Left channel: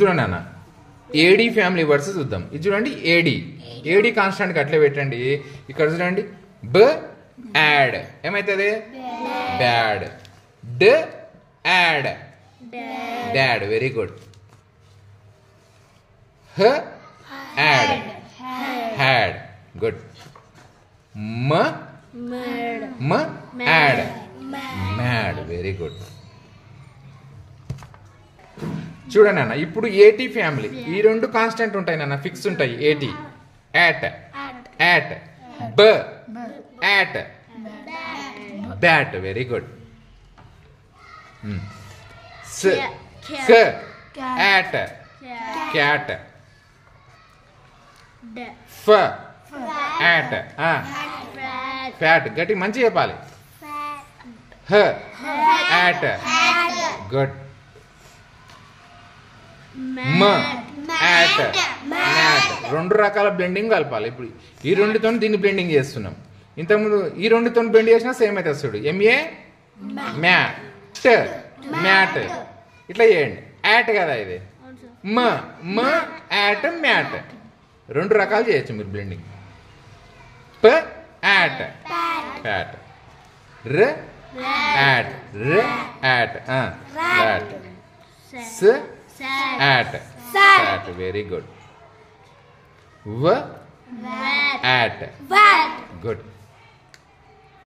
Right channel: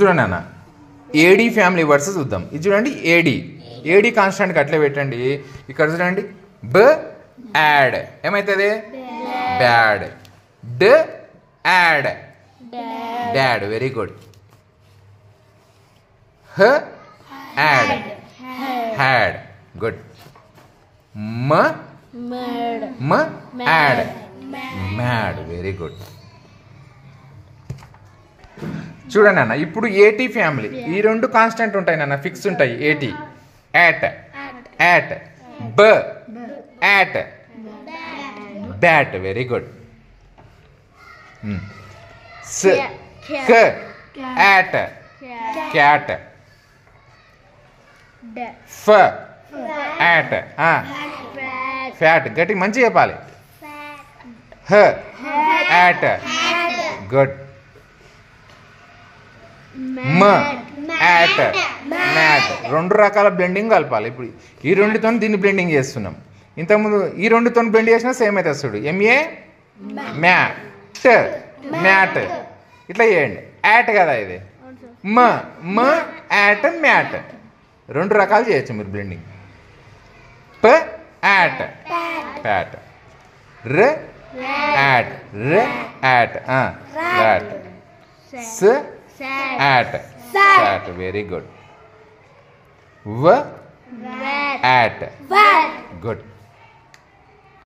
చూడండి అన్న AD family words చూద్దాం. ఇది చూడండి ఏడి ఏడి కాన్స్టెంట్ అట్లే పెట్టండి. ఇక్కడ చూడండి బ యాడ్ ఏమైతుంది బ్యాడ్, డ్ యాడ్ డాడ్, వెరీ గుడ్. హ యాడ్ హ్యాడ్, గుడ్. మ మ యాడ్ మ్యాడ్, వెరీ గుడ్. చూడండి అన్న ఇప్పుడు ఏటీ ఫ్యామిలీ ఈ రెండు కాన్స్టెంట్ ఉంటాయి నాన్న, ఫిక్స్ ఉంటాయి. ఏటీ యాట్ యాట్, బ యాట్ బ్యాట్, వెరీ గుడ్. స్ క యాట్ క్యాట్, ఫ యాట్ ఫ్యాట్, గట్టి మంచిగా చెప్పాలి. హ యాట్, గుడ్. మ యాట్ మ్యాట్, రెండు రకాల బ్లెండింగ్ కలపాలి. ఇప్పుడు ఈ రెండుతో దీన్ని బ్లెండింగ్ చేస్తున్నాం. ఇంతకుముందు ఈ రెండుతో బ్లెండ్ చేసినా సేమ్ అయితే వస్తుంది. ఎంఏ మ్యాట్ మ్యాట్, ఇట్లా చేయండి. యాట్ కదా ఇది, మ మ యాట్ మ్యాట్, రెండు రకాలు చేయొచ్చు మీరు బ్లెండింగ్. ప యాట్ ప్యాట్, ర యాట్ ర యాట్ రాట్, స యాట్ సాట్, వెరీ గుడ్. వ యాట్ గుడ్.